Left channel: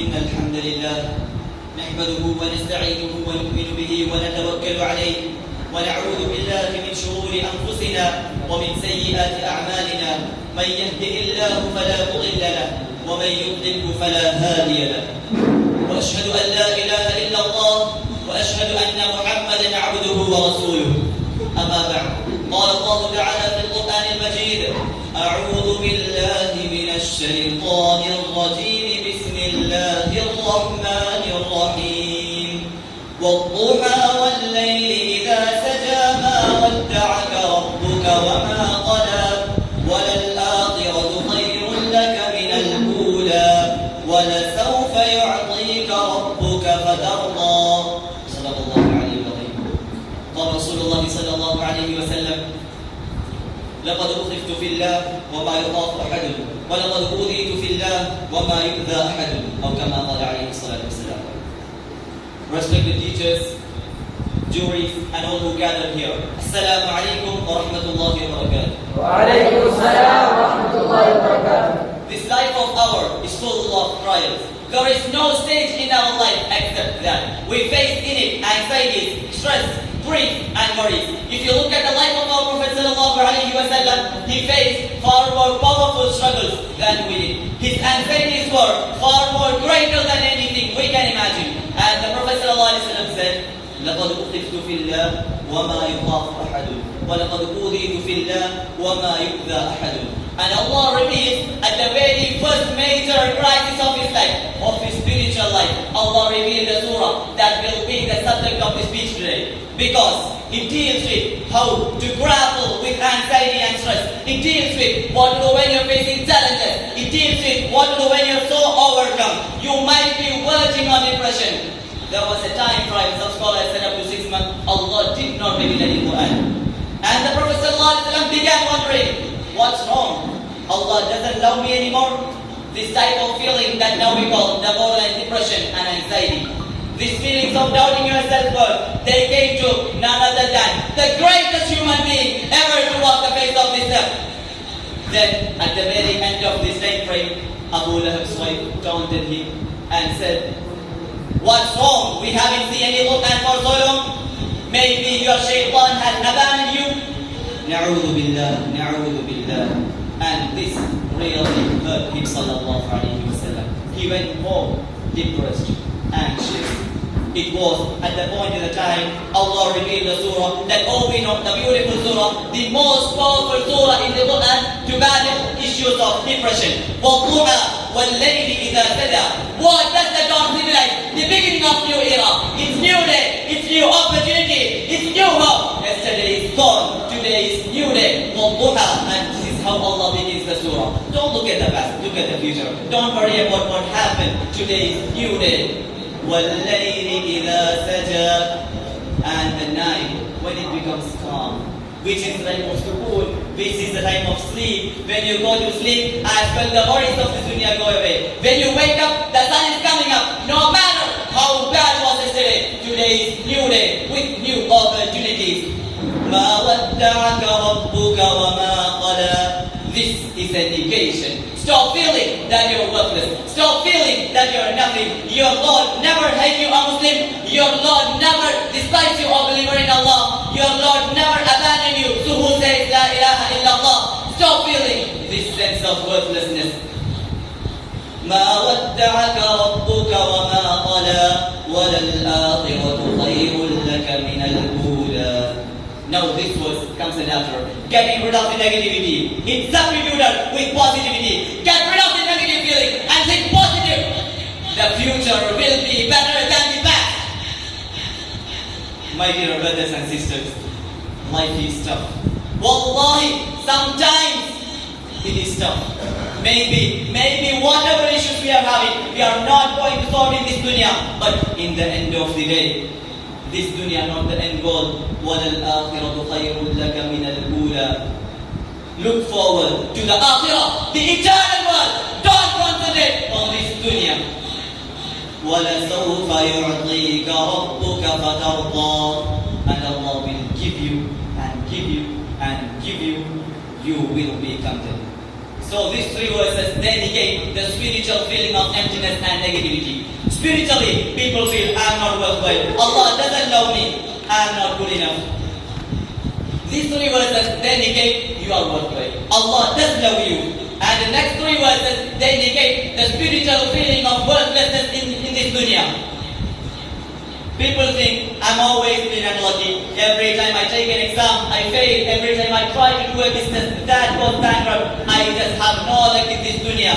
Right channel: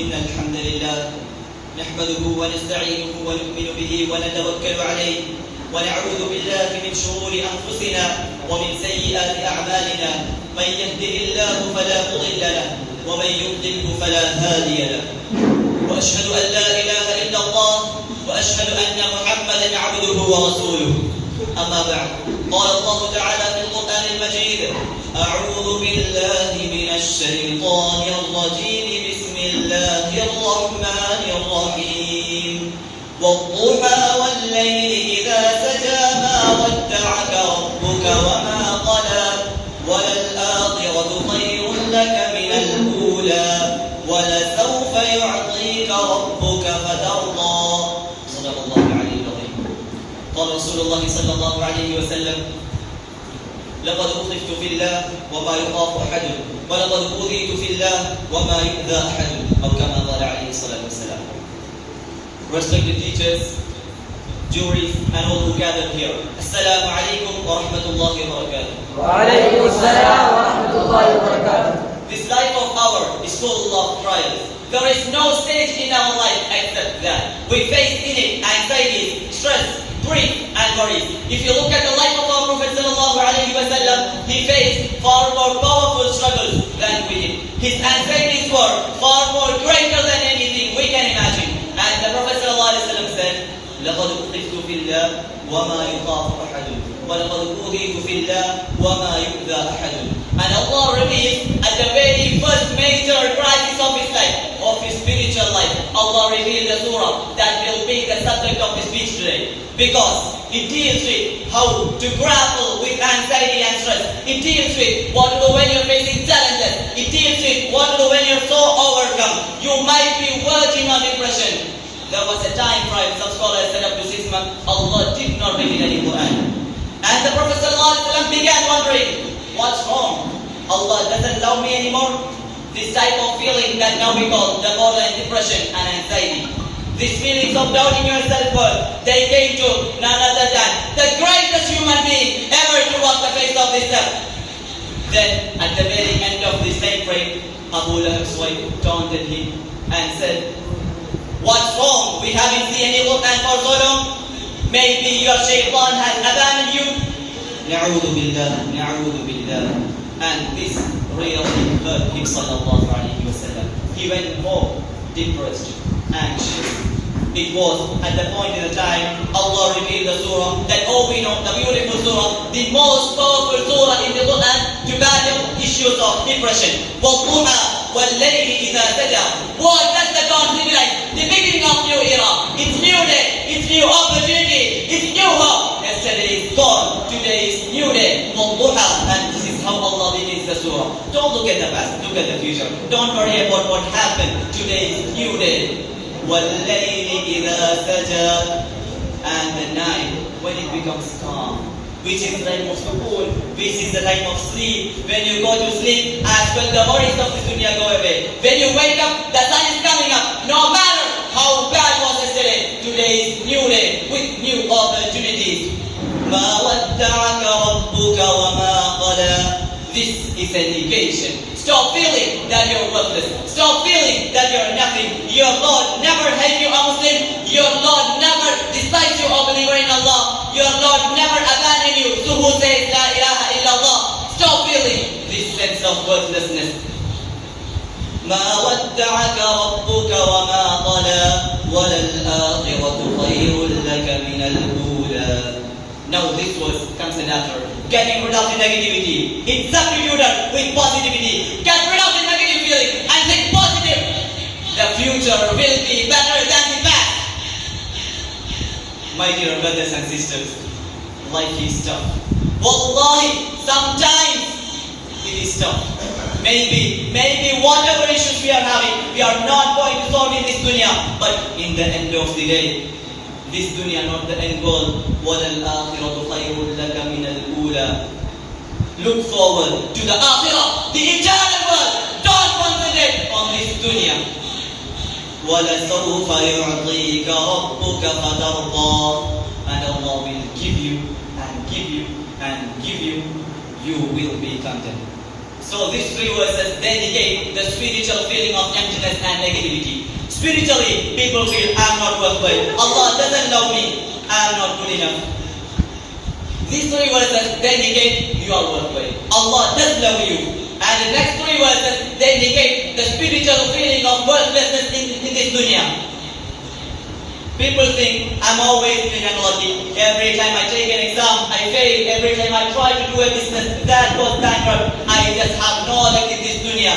إن الحمد لله نحمده ونستعينه ونؤمن به ونتوكل عليه ونعوذ بالله من شرور أنفسنا ومن سيئات أعمالنا من يهده الله فلا مضل له ومن يضلله فلا هادي له وأشهد أن لا إله إلا الله وأشهد أن محمدا عبده ورسوله أما بعد قال الله تعالى في القرآن المجيد أعوذ بالله من الشيطان الرجيم بسم الله الرحمن الرحيم والضحى والليل إذا سجى ما ودعك ربك وما قلى وللآخرة خير لك من الأولى ولسوف يعطيك ربك فترضى صدق الله العلي العظيم. قال رسول الله صلى الله عليه وسلم لقد أخذت في الله وما يخاف أحد ولقد أوذيت في الله وما يؤذى أحد أو كما قال عليه الصلاة والسلام. Respected teachers, juries and all who gathered here, Assalamu alaikum wa rahmatullahi wa barakatuh. Wa alaikum assalam wa rahmatullahi wa barakatuh. This life of ours is full of trials. There is no stage in our life except that we face in it anxieties, stress, grief and worries. If you look at the life of our Prophet sallallahu alaihi wasallam, he faced far more powerful struggles than we did. His anxieties were far more greater than anything we can imagine. And the Prophet sallallahu alaihi wasallam said, لقد أخذت في الله وما يخاف أحد ولقد أوذيت في الله وما يؤذى أحد. And Allah reveals at the very first major crisis of his life, of his spiritual life, Allah revealed the surah that will be the subject of his speech today. Because it deals with how to grapple with anxiety and stress. It deals with what to do when you're facing challenges. It deals with what to do when you're so overcome. You might be verging on depression. There was a time frame, some scholars said up to 6 months, Allah did not reveal any Quran. And the Prophet ﷺ began wondering, what's wrong? Allah doesn't love me anymore? This type of feeling that now we call the borderline depression and anxiety. These feelings of doubting your self-worth, they came to none other than the greatest human being ever to walk the face of this earth. Then, at the very end of this time frame, Abu Lahab's wife taunted him and said, what's wrong? We haven't seen any Quran for so long. Maybe your shaitan has abandoned you. Na'udhu billah, na'udhu billah. And this really hurt him sallallahu alayhi wa sallam. He went more depressed, anxious. It was at the point in the time Allah revealed the surah that we know, the beautiful surah, the most powerful surah in the Quran to battle issues of depression. وَالضُّحَى وَاللَّيْلِ إِذَا سَجَى. What does the dawn symbolize? The beginning of new era. It's new day. It's new opportunity. It's new hope. Yesterday is gone. Today is new day. وَالضُّحَى. And this is how Allah begins the surah. Don't look at the past. Look at the future. Don't worry about what happened. Today is new day. وَاللَّيْلِ إِذَا سَجَى. And the night when it becomes calm, which is the time of sukoon, which is the time of sleep. When you go to sleep, as well the worries of this dunya go away. When you wake up, the sun is coming up. No matter how bad was yesterday, today is new day with new opportunities. مَا وَدَّعَكَ رَبُّكَ وَمَا قَلَى. This is education. Stop feeling that you're worthless. Stop feeling that you're nothing. Your Lord never hate you a Muslim. Your Lord never dislikes you a believer in Allah. Your Lord never abandon you. So who says La ilaha illallah? Stop feeling this sense of worthlessness. مَا وَدَّعَكَ رَبُّكَ وَمَا قَلَى وَلَلْآخِرَةُ خَيْرٌ لَكَ مِنَ الْأُولَى. Now this verse comes in after. Getting rid of the negativity. It's substituted with positivity. Get rid of the negative feeling and think positive. The future will be better than the past. My dear brothers and sisters, life is tough. Wallahi, sometimes it is tough. Maybe whatever issues we are having, we are not going to solve in this dunya. But in the end of the day, this dunya not the end goal. وَلَلْآخِرَةُ خَيْرٌ لَكَ مِنَ الْأُولَى. Look forward to the akhirah, the eternal world. Don't concentrate on this dunya. وَلَسَوْفَ يُعْطِيكَ رَبُّكَ فَتَرْضَى. And Allah will give you and give you and give you. You will be content. So these three verses indicate the spiritual feeling of emptiness and negativity. Spiritually, people feel I am not worthwhile. Allah doesn't love me. I am not good enough. These three verses indicate you are worthwhile. Allah does love you. And the next three verses indicate the spiritual feeling of worthlessness in this dunya. People think I'm always been unlucky. Every time I take an exam, I fail. Every time I try to do a business, that goes bankrupt. I just have no luck in this dunya.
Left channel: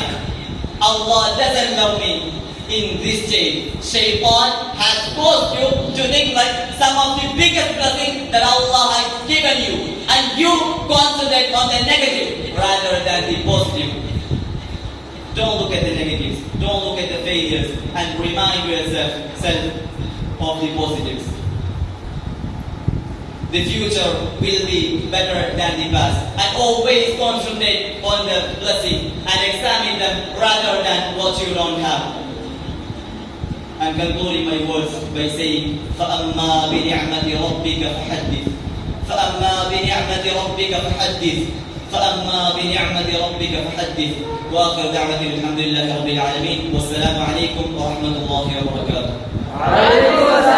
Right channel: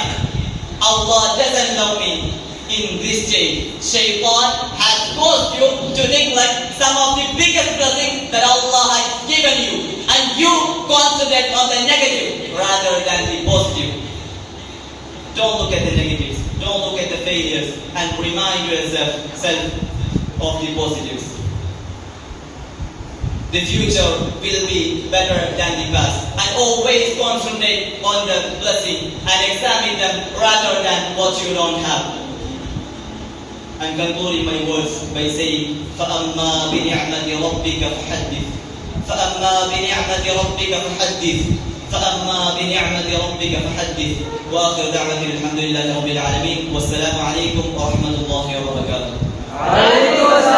Allah doesn't love me in this stage. Shaitan has caused you to neglect some of the biggest blessings that Allah has given you. And you concentrate on the negative rather than the positive. Don't look at the negatives. Don't look at the failures. And remind yourself of the positives. The future will be better than the past. And always concentrate on the blessing and examine them rather than what you don't have. I'm concluding my words by saying, فَأَمَّا بِنِعْمَةِ رَبِّكَ فَحَدِّثْ فَأَمَّا بِنِعْمَةِ رَبِّكَ فَحَدِّثْ فَأَمَّا بِنِعْمَةِ رَبِّكَ فَحَدِّثْ وآخر دعوة الحمد لله رب العالمين والسلام عليكم ورحمة الله وبركاته. عليكم السلام.